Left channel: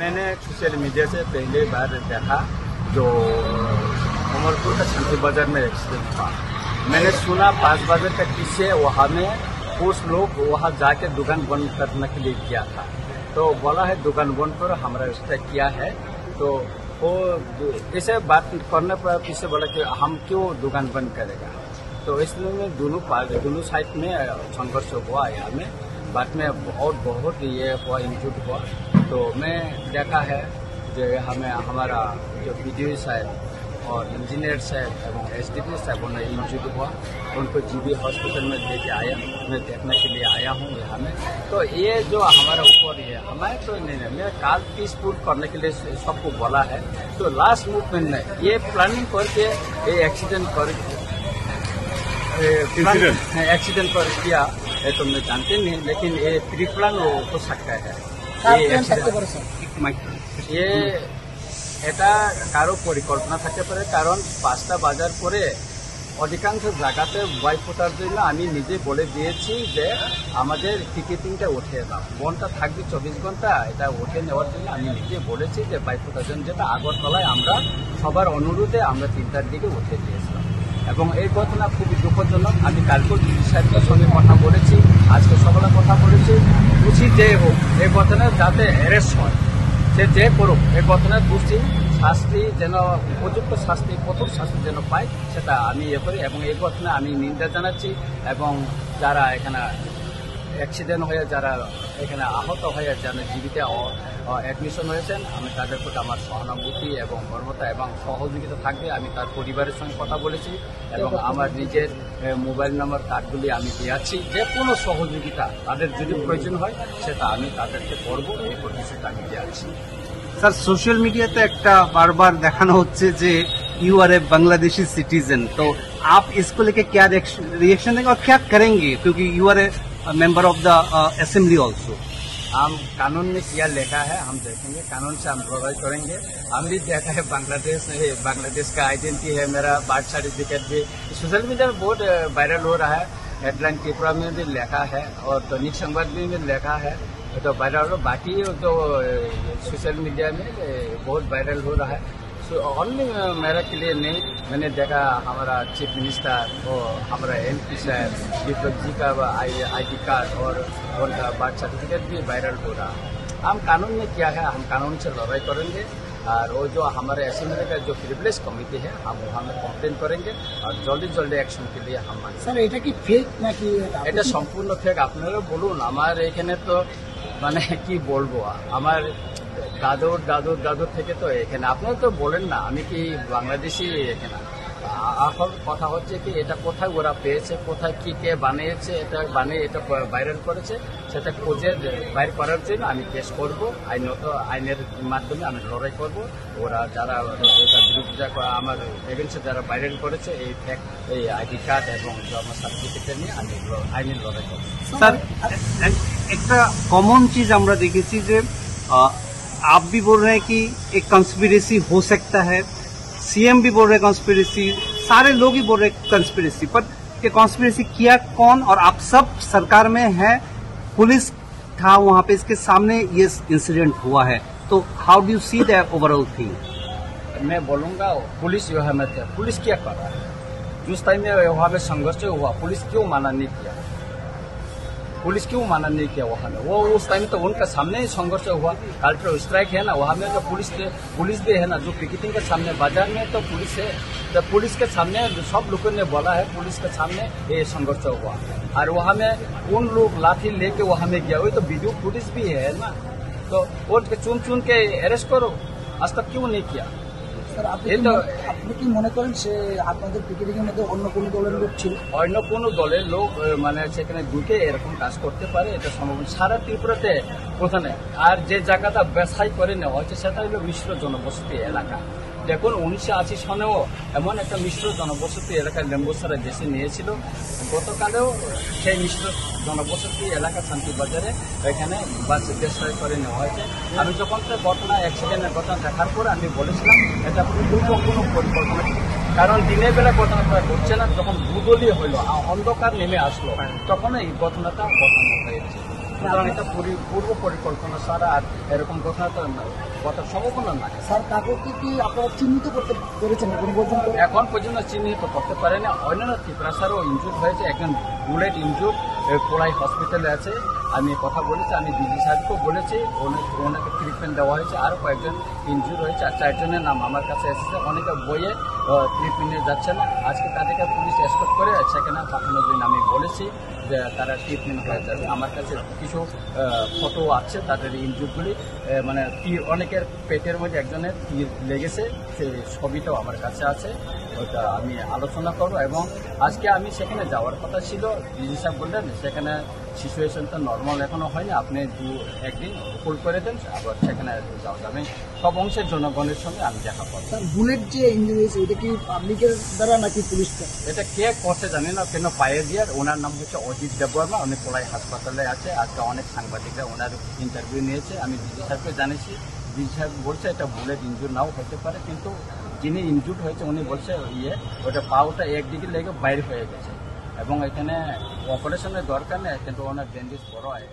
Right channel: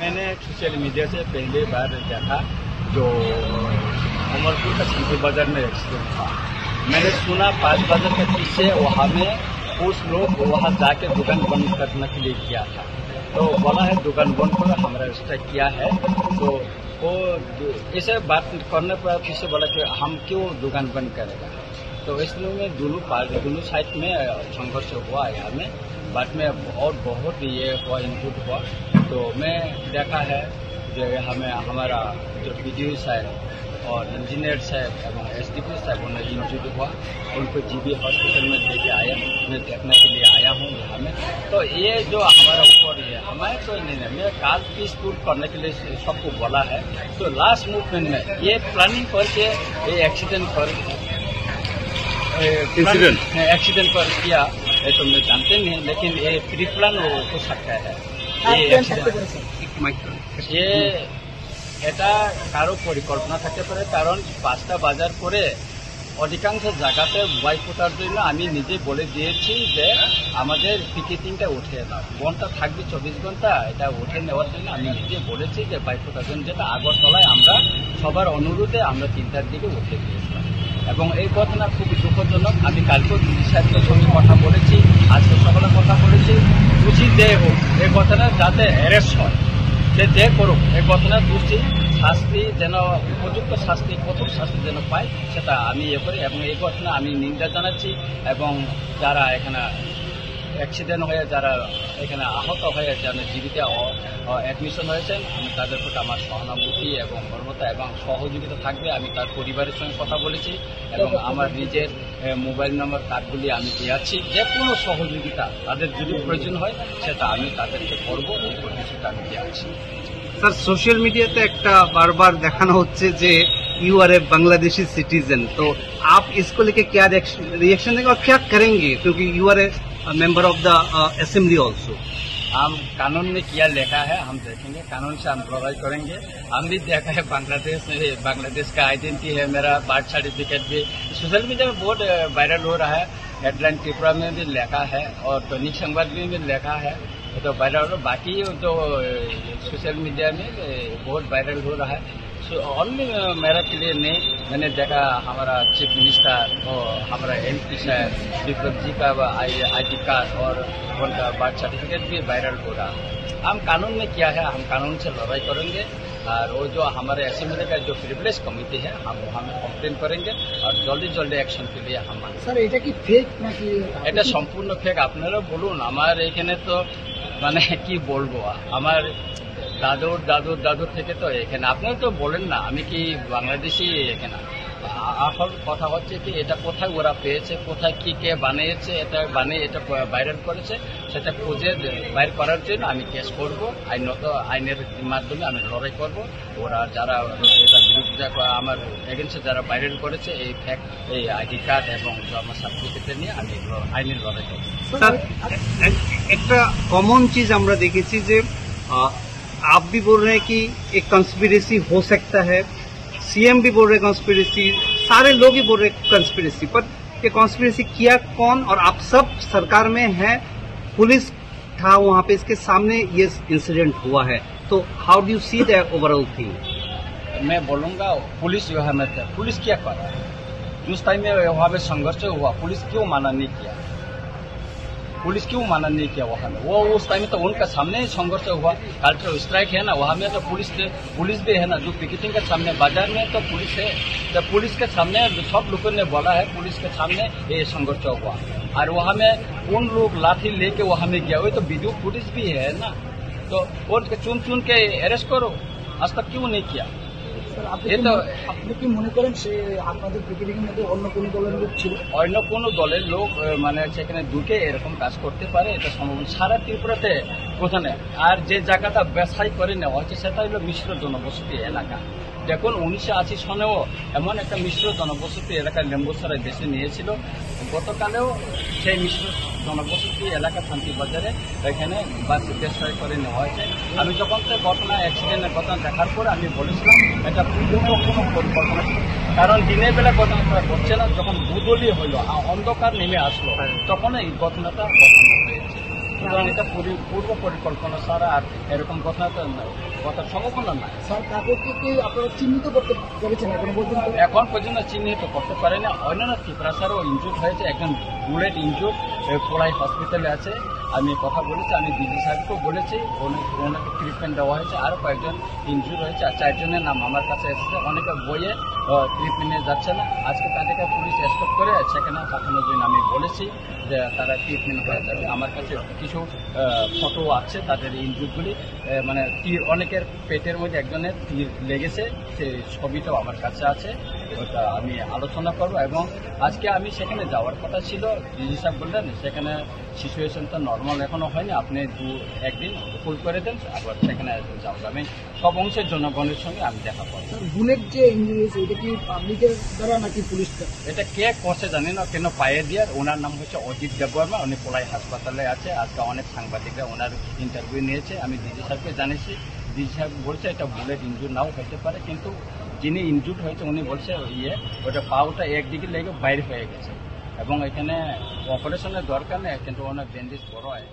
मैंने social media से पहली बार देखा जो उमरपुर का शांति बाजार में एक्सीडेंट था। मैंने सुना 5 बजे के पीछे वहाँ में कुछ लोग वहाँ जाके दुकान बंद करने के लिए किया था, तो बोला है दुकान बंद पर हमारा स्ट्राइक किया है। तो वो इसे बात करने पर पीछे बोला कि हम क्यों दुकान बंद करेगा। तो इसलिए में दोनों साइड में संघर्ष हुआ यहाँ में, बाद में और बहुत ये हुआ, इंजूर्ड हुआ। तो मैं देखा है जो हमें हमारा जो बीडीओ साहब और इंजीनियर साहब एवं एसडीपी साहब उन्हें इंजूर्ड हुआ, उनको जीबी हॉस्पिटल में लेके आया, मैं देखने के लिए आया हूँ यहाँ में। तो ये जो हमारा ऊपर ये हमारे तो नहीं, मैं काल पीसफुल करने के लिए सबको बोला है। तो लास्ट मूवमेंट में ये प्लानिंग करके ये एक्सीडेंट कर किया ये तो मैं जानते नहीं, लेकिन ये प्री प्लान हो सकता है। ये এটা কারো পরিকল্পনা থাকতে পারে, কারণ 5টা বাজার পরে অধিকাংশ জায়গাতে বাইক ফোটার জন্য আমি নিজে বলে দিয়েছি যে আমাদের পিকেটিংটা উঠে নাও, বনটা থাকবে 24 ঘন্টা, এটা উঠে নেওয়ার জন্য আমি নিজে বলেছি যে বাইক ফোটার জন্য, যেটা আগরতলায় আমরা সবার অনুরোধে আমরা 3টার দিকে উঠে দিয়েছিলাম। এবং এই ঘটনা খুবই দুঃখজনক। আমি কালকেও ডিসি সাহেবের সঙ্গে কথা বলেছি, আজকে সকালে কথা বলেছি, দোষী যে হোক এই ঘটনা যাতে অ্যারেস্ট হয়, সে যে করুক, এই ঘটনার দোষী শাস্তি যেন উপযুক্ত শাস্তি, কঠোর শাস্তি যেন পায়, সেটা আমি করি। এবং এই ঘটনা আমি নিন্দা জানাচ্ছি। এবং যারা এখানে অ্যাক্সিডেন্ট হয়ে যারা এখানে আহত হয়ে যারা জীবিত অ্যাডমিশন হয়েছেন, আমি তাদের প্রতি আমার সহানুভূতি এবং মর্মতা এবং সহযোগিতা থাকবে। আমি তার পরিবারের সঙ্গে কথা বলেছি এবং আমার নিজের মোবাইল নাম্বার কার্ডগুলি আমি দিয়েছি। যে কোনো সহযোগিতা তাদের যদি প্রয়োজন হয় সেটা আমি তাদেরকে করবো, এই প্রতিশ্রুতি আমি দিয়েছি। सर सोशल मीडिया पे एक बार बार दिखाना होচ্ছে যে you are a Bangladeshi citizen, तो आप इसको लेके क्या रिएक्शन देंगे और क्या करेंगे, क्योंकि you are a member of the assembly also. हम कानून में क्या लिखा है हम देखेंगे, कानून से हम लड़ाई करेंगे। हम भी देखा है बांग्लादेश का आइडेंटिटी है, मेरा बर्थ सर्टिफिकेट भी सोशल मीडिया में बहुत वायरल हो रहा है। हेडलाइन त्रिपुरा में भी लिखा है और दैनिक संवाद में भी लिखा है, तो वायरल हो। बाकी जो सोशल मीडिया में बहुत वायरल हो रहा है, ओनली मेरा के लिए नहीं। मैंने देखा हमारा चीफ मिनिस्टर और हमारा एमपी साहब विप्लव जी का ID कार्ड और उनका बर्थ सर्टिफिकेट भी वायरल हो रहा है। हम कानून में क्या है, हम कानून से लड़ाई करेंगे। और वो जो हमारे असेंबली का जो प्रिविलेज कमिटी है हम वहाँ में कम्प्लेन करेंगे और जल्दी एक्शन के लिए हम सर এটা কি ফেক নাকি? এটা সম্পূর্ণ ফেক। আপনারা বলুন, আমার এখানে তো মানে কি বলবো, আমার দাদুর থেকে তো এখানে আপনারা তো বলেন না আমি কি বাংলাদেশি এখানে। আসল কথা হচ্ছে কি এটা কোথায় ওরা পেয়েছে, কোথায় কি কে বানিয়েছে, এটা বানিয়ে এটা ভাইরাল করেছে, সেটা খুঁজে বাইর করার জন্য আমি কেস করব। আইনের মাধ্যমে আমি লড়াই করব। ওরা যারা এটা বিরোধিতা আমার এগেন্সে যারা ভাইরাল করেছে এই ফ্যাক্ট, এই ID कार्ड এবং জন্ম সার্টিফিকেট নিয়ে আমি আইনের লড়াই করব। सर एक कॉमन चीज আমরা দেখেছি যে आप भी बोल रहे हैं कि एक कंस्पिरेसी हो सकता है, सीएम भी बोल रहे हैं कंस्पिरेसी, सारे लोग ही बोल रहे हैं कंस्पिरेसी, पर ये कंस्पिरेसी किया कौन? और आप सब सरकार में हैं, पुलिस था वहाँ पे, इसके सामने ये इंसिडेंट हुआ है, तो how do you see the overall thing? मैं बोलूँगा पुलिस वहाँ में था, पुलिस क्या कर रहा है? जिस टाइम में वहाँ में संघर्ष हुआ पुलिस क्यों माना नहीं किया? पुलिस क्यों माना नहीं किया वहाँ में? वो उस टाइम में तो उनका सामने ही संघर्ष हुआ। कल्चरल स्ट्राइक है ना, वहाँ में तो पुलिस भी है ना, जो पिकेटिंग के सामने बाजार में तो पुलिस है, तो पुलिस के सामने सब लोगों ने बोला है पुलिस के सामने ये संघर्ष हुआ। और वहाँ में उन लोग लाठी लेके वहाँ में गया, वही तो वीडियो फुटेज भी है ना, तो वो चुन के अरेस्ट करो, आज तक क्यों नहीं किया? আপনি কি মনে করেন সে আপনাদের পিকেটিং এর মধ্যে অন্য কোনো দলের লোক ছিল? অন্য কোনো দলের লোক মানে সেখানে ঢুকে এরকম কাজ করতে পারে, এটা সম্ভব। সারা ত্রিপুরাতে কোথায় আর যে জায়গাটা ব্যবসায় করে নেওয়া হচ্ছে সেটা হলো মিশ্র জনবসতি এলাকা। দেখুন 1980 সনেও এমন একটা মিশ্র জনবসতি এলাকার লেম্বুসারা দেশে নিয়েছিল, গতকালেও সেই মিশ্র জনবসতি এলাকা শান্তিবাজারে এখানে বাস ব্যবসায় করে নেওয়া হয়েছে। আমি যখন তো অ্যাক্সিডেন্টের ঘটনা দেখার পরে আমি বলেছিলাম এটা পূর্ব কোনো পরিকল্পনা, কারণ দিনের বেলা ঘটনাটা ঘটছে না, যখন বুদলি হইল অন্ধকার নেমে আসলো তখন এই ঘটনাটা হয়েছে। সুতরাং এটা পূর্ব পরিকল্পনা ছাড়া আর এরকম কথার সম্ভাবনা নাই। স্যার কাকুকে কি আপনারা চিহ্নিত করতে পেরেছেন এখন পর্যন্ত? এখন পর্যন্ত চিহ্নিত করতে পারেনি। অন্যান্য ত্রিপুরা স্যারও ইনজুর হয়েছে, একজন বুলেট ইনজুর কোলাই হসপিটালে আছে। আমি কথা বলেছি, আমি ডিজি সাহেবকেও বলেছি, ওনাকে ট্রিটমেন্ট দেওয়া হয়েছে। আরও কয়েকজন ইনজুর হয়েছে, আর 4 জনের নাম আমার কাছে এসেছে। অনেকে বইয়ে ট্রিটমেন্টে যাচ্ছে না, আজকে তাদেরকে পুলিশ এসকর্ট করে সেখানে পাঠানোর জন্য আমি বলেছি যে তারা ট্রিটমেন্ট হয়ে যাবে। আমার কাছে কিছু ফটো আছে তাদের ইনজুরগুলি, মানে অনেকের পেটের মধ্যে একজনের তীর লেগেছে, সেই ছবিটাও আমার কাছে আছে, ওটা আমি আলোচনা করব। এবং আজকে আমি সেখানে যাওয়ার কথা ছিল, ডিজি সাহেব বললেন সেখানে সিচুয়েশনটা নর্মাল এখনো হয়নি, আপনি 1 দিন হোল্ড করে দেন, আবার সেখানে যাওয়া যাবে। সব অংশের জনগণের সঙ্গে আমি দেখা করব। স্যার বুলেট যে ইঞ্জুরি হয়েছে এটা কি পাবলিকের দ্বারা নাকি পুলিশ দ্বারা? এটা কে করছে জানি না, কেন পায়ে দিয়ে। ওনার নাম হচ্ছে অজিত দেববর্মা, উনি কোলাই হাসপাতালে আছে। আজকে অনেক সাংবাদিকরা ওনার ইন্টারভিউ নিয়েছে, আমি ডিজি সাহেবকে জানিয়েছি। ডিজি সাহেব বলছে এটা বুলেট ইনজুর নাও হতে পারে, কিন্তু যিনি ইনজুর হয়েছে উনি বলছে ওটা পাওটা একদিকে লেগে বাইরে হয়ে গেছে এবং এখানে অপারেশনের দরকার নেই, কিন্তু ওনার ডেন্ডিস বড় হয়।